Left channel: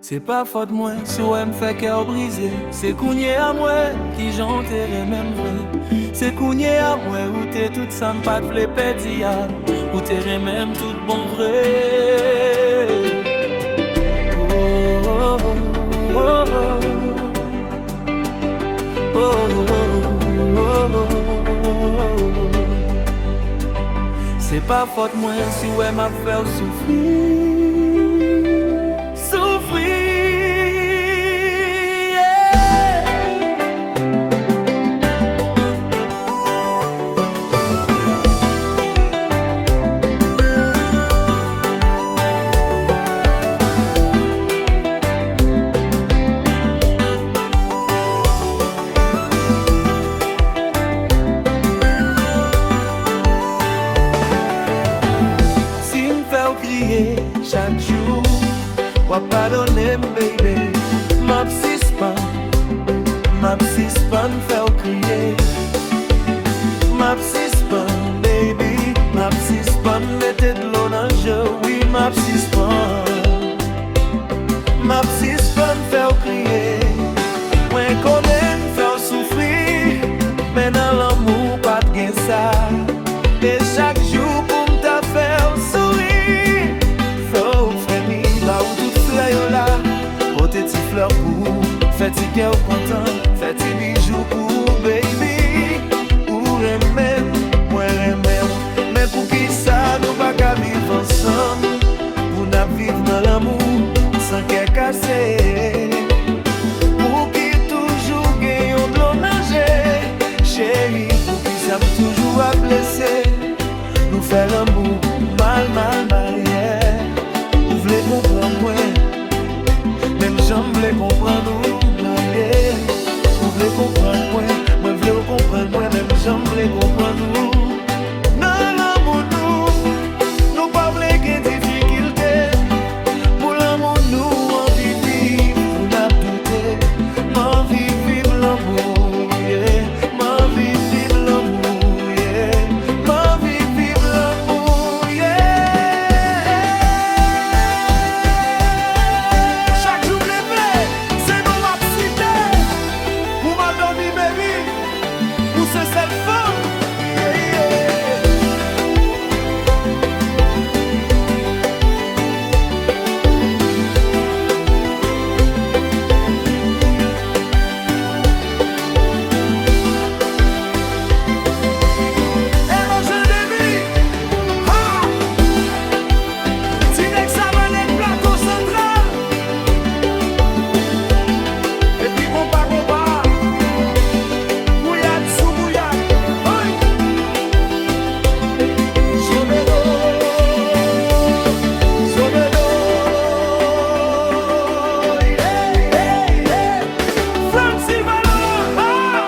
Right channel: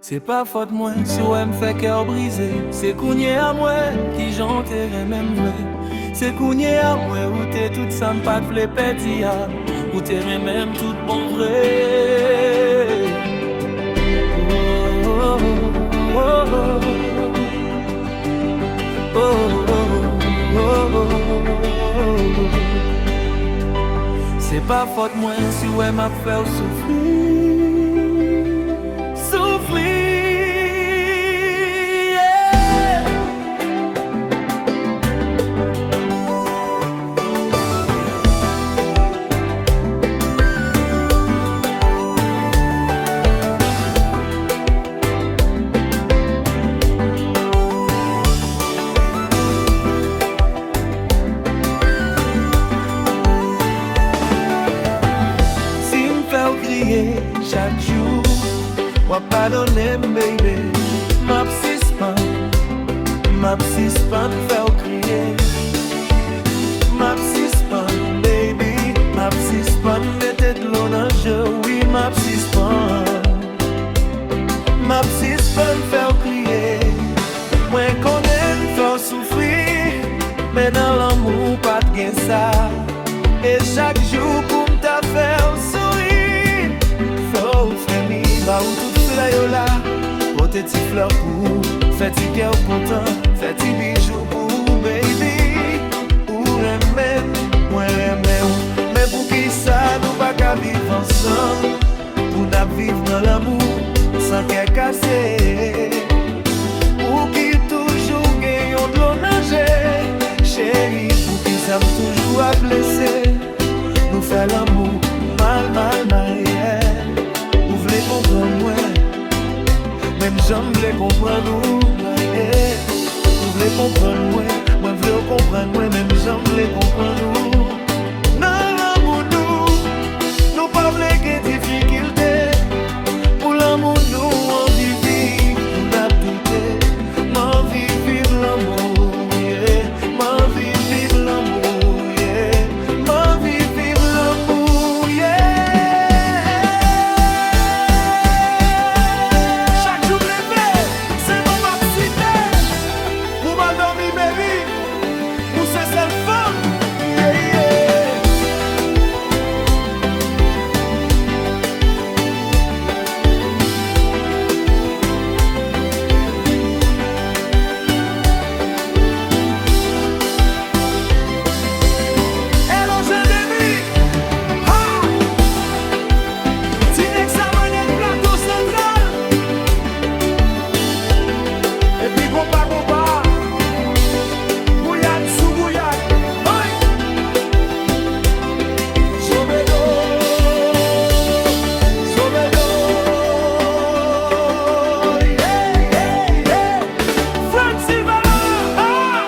C'est pas faute moi, si ouais me fait cœur brisé. C'est kounye à moi, qui j'enterre même vrai. C'est kounye à moi, où t'es toute ça m'pas de vle pedi ya. Où t'es même tout bon vrai. Oh, oh, oh, oh, oh, oh, oh, oh. C'est pas faute moi, si ouais m'a fait souffrir. Crier chaque jour, ou pardonner, baby. Ma psispan fait crier. Ma psispan, baby. Ma psispan mettez de l'eau dans le jeu, oui, ma psispan. Ma psispan fait crier. Moi connais fait souffrir, mais dans l'amour pas de gain ça. Et chaque jour pour me faire sourire. Faut frémir, bah où toute fleur yo là. Pote ti fleur pour, fait ti cœur content, fait ti bijoux pour baby. Ou remède, moi remède. Mais pour qui ça nous pas qu'à vivre ensemble? Pour n'a vivre dans l'amour, sans qu'elle cassé. Pour qui toujours gagnons de l'eau nager. Chérie, pour qui ça me toujours à blesser. Nous fait l'amour, mal, yeah. Vous voulez comprendre moi, même j'en voulais comprendre nous, yeah. Vous voulez comprendre moi voulez comprendre moi, même j'en voulais comprendre nous. Dans l'amour nous pas voulons qu'il y ait difficulté. Pour l'amour nous on vit, pour n'a douter. M'envie vivre l'amour, yeah. M'envie vivre l'amour, yeah. M'envie vivre l'amour, yeah. C'est celle femme, yeah, yeah. Hello, Jérémy. Ha! Tinex Savanette, plateau central. Et puis compas. Sous bouillade, oi! Zobedo, hey, Frank Silvano, ah!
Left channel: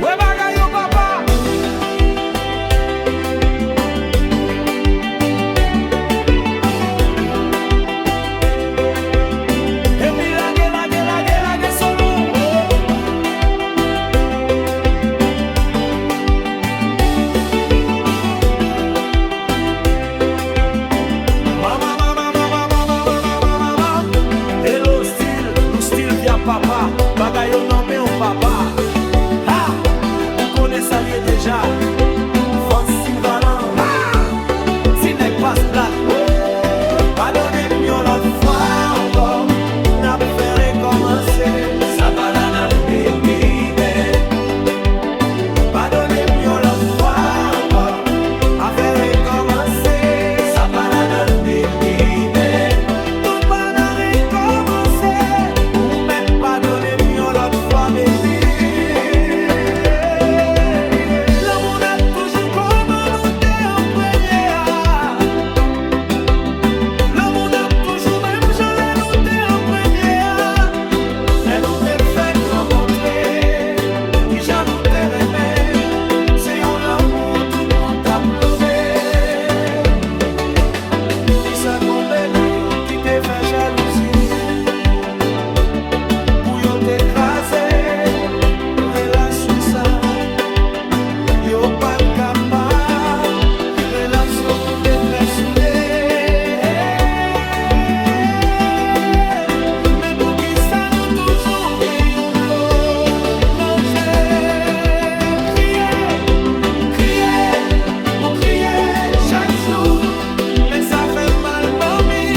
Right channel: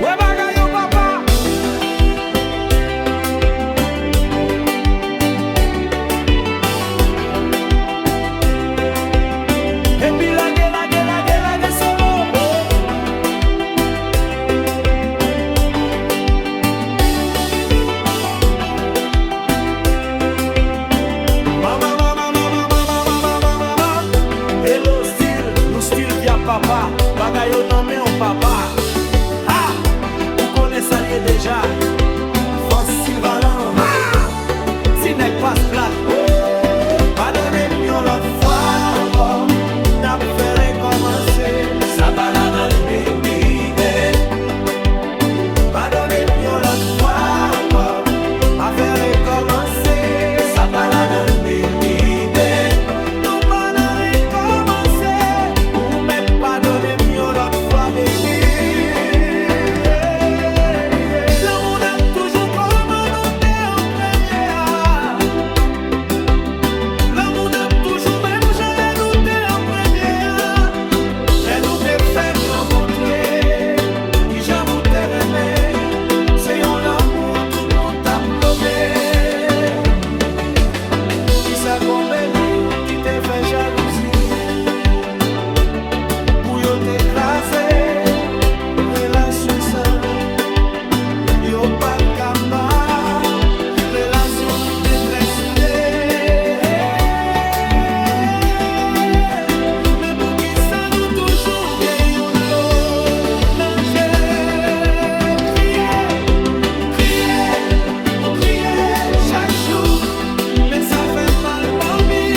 Ouais, bagayo papa! Et puis la solo! Hello style, nous style via papa. Bagayo nommé au papa. Ha! Ou connaît ça lié déjà. Fonce Sylvain. Ha! Sinek passe plate. Pardonnez mieux l'autre fois encore. N'a fait recommencer. Ça va là dans le bébé. Pardonnez mieux l'autre fois encore. À faire recommencer. L'autre fois, baby. L'amour n'a toujours comme nous t'es en première. L'amour n'a toujours même jamais nous t'es en première. Les nous t'es fait rencontrer. Qui j'en nous t'es aimé. C'est un l'amour, tout le monde t'a plombé. Qui ça combe dans yo, qui t'es fait jalousie. Pour yo t'écraser, relation ça, yo pas capable, relation nous t'es très soudés. fait mal, mamie.